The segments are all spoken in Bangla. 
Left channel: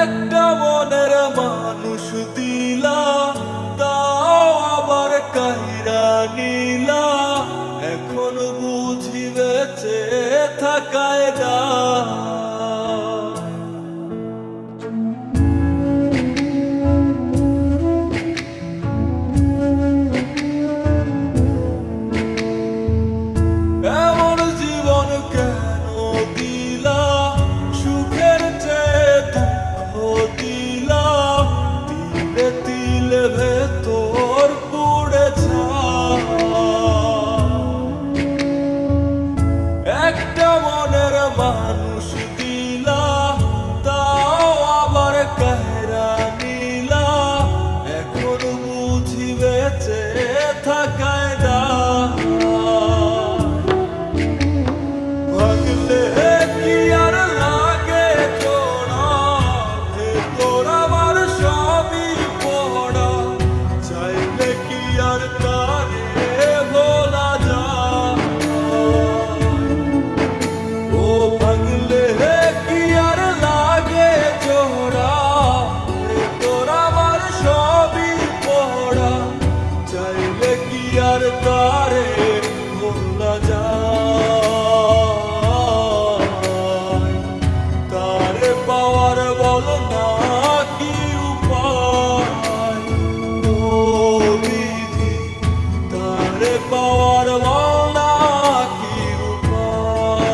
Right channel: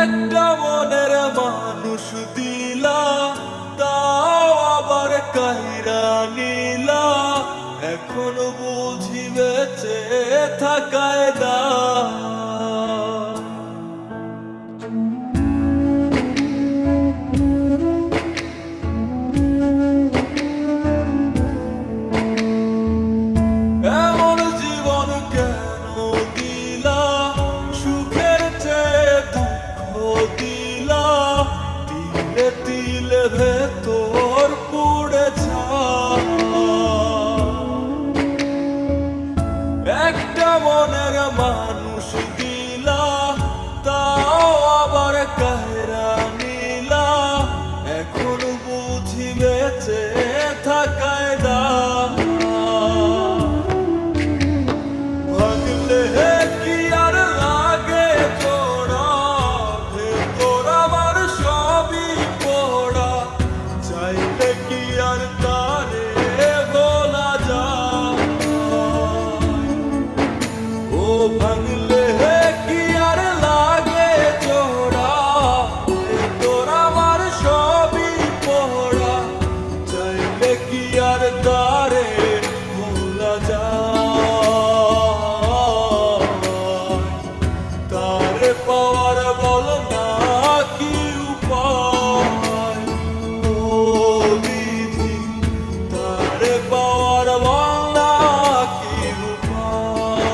একটা মনের মানুষ দিলা, তাও আবার কাইরা নিলা। এখন বুঝি বেঁচে থাকায় দা। এমন জীবন কেন দিলা, সুখের চেয়ে দুঃখ দিলা। তিলে তিলে ভেতর পুড়ে একটা মনের মানুষ দিলা, তাও আবার কাহেরা নিলা। এখন বুঝি বেঁচে থাকায় দা। ভাগলে কি আর লাগে জোড়া, ভেতর আমার সবই পড়া। চাইলে কি আর তারে ভোলা যায়? ও ভাঙলে কি আর লাগে জোড়া, ভেতর আমার সবই পড়া। চাইলে কি আর তারে ভোলা যায়? তারে পাওয়ার বল না কি উপায়? ও বিধি, তারে পাওয়ার বল না কি উপায়?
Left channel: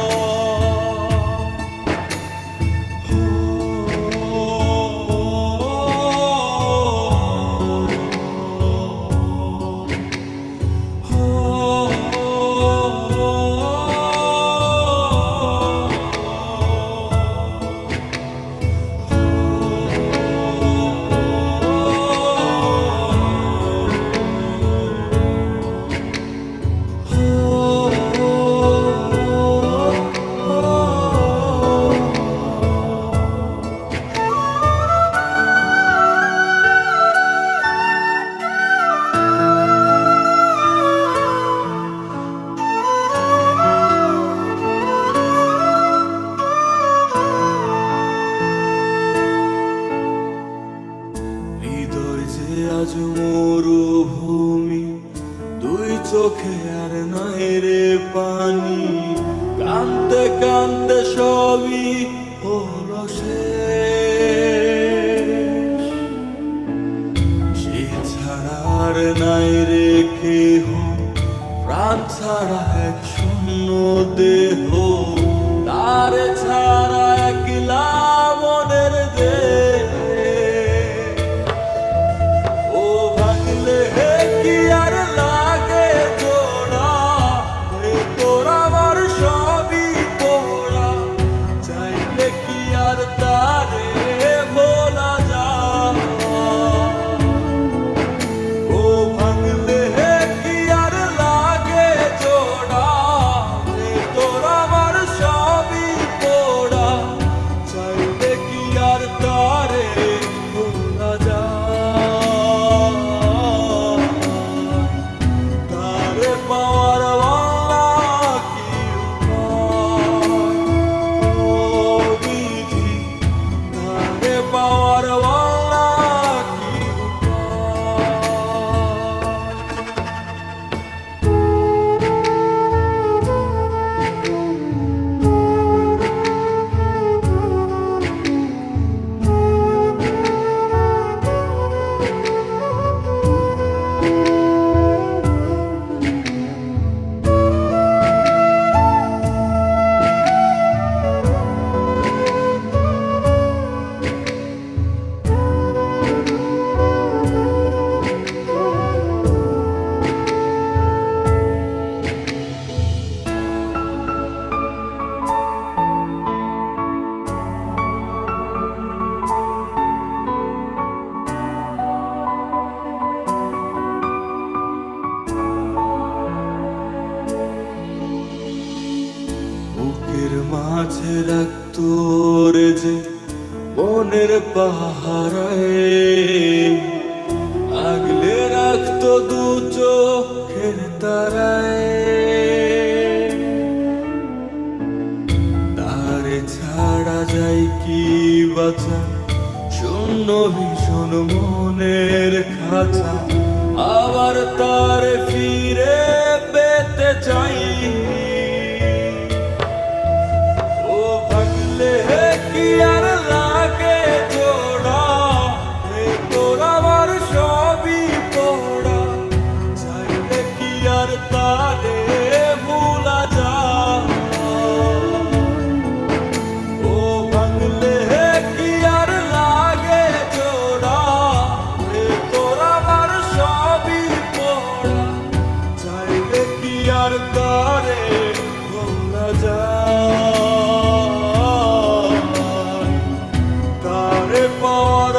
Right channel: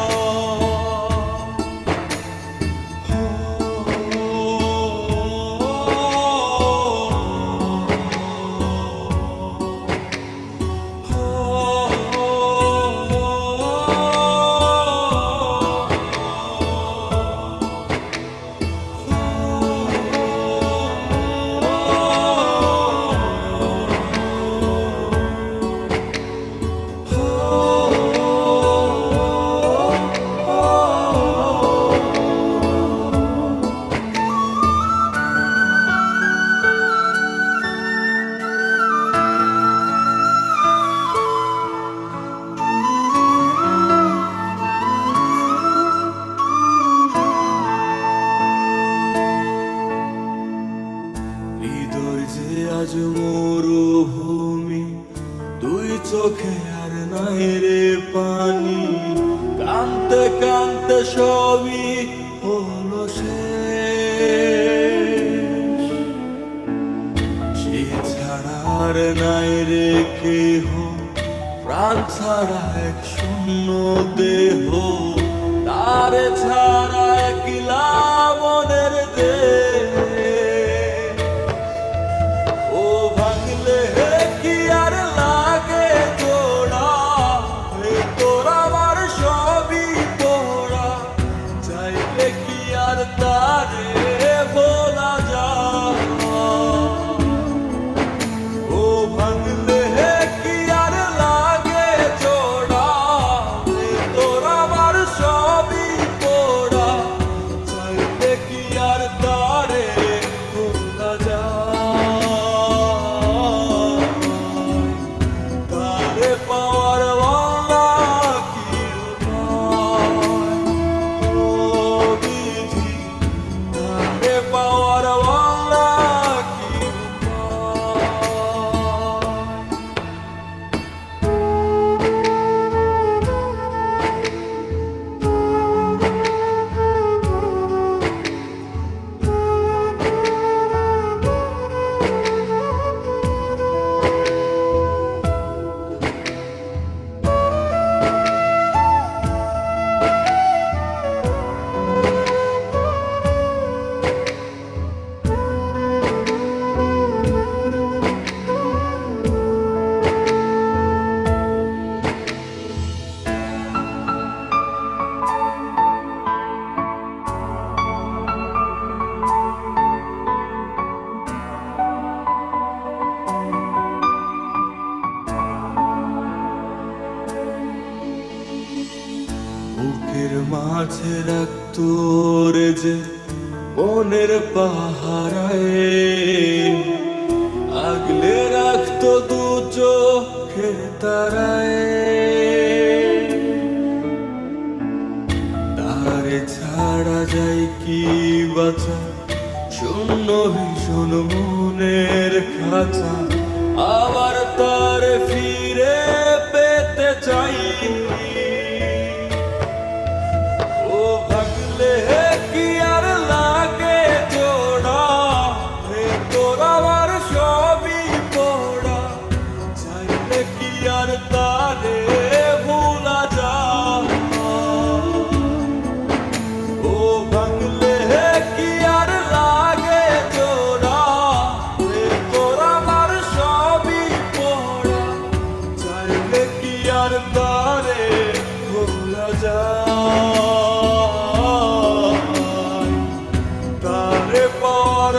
হৃদয় যে আজ মরুভূমি, দুই চোখে আর নাই রে পানি। কানতে কানতে সবই হলো শেষ। সে ছাড়া আর নাই রে কেহ, প্রাণ ছাড়া এক শূন্য দেহ। তারে ছাড়া একলা মনের দেহ। ও ভাঙলে কি আর লাগে জোড়া, ভেতর আমার সবই পোড়া। চাইলে কি আর তারে ভোলা যায়? ও ভাঙলে কি আর লাগে জোড়া, ভেতর আমার সবই পোড়া। চাইলে কি আর তারে ভোলা যায়? তারে পাওয়ার বলা কি উপায়? ও বিধি, তারে পাওয়ার বলা কি বুকের মাঝে রাখতো রে যে মনের পাহারায়, আগলে রাখতো দু চোখের তারায়। ছাড়া যায় কি বাঁচা, শূন্য ভীষণ মনের খাঁচা, আবার তার ফিরে পেতে চাই। ও ভাগলে কি আর লাগে জোড়া, হে তোর আমার সবই পড়া, চাইলে কি আর তারে ভোলা যায়। ও ভাঙলে কি আর লাগে জোড়া, হে তোর আমার সবই পড়া, চাইলে কি আর তারে ভোলা যায়। তারে পাওয়ার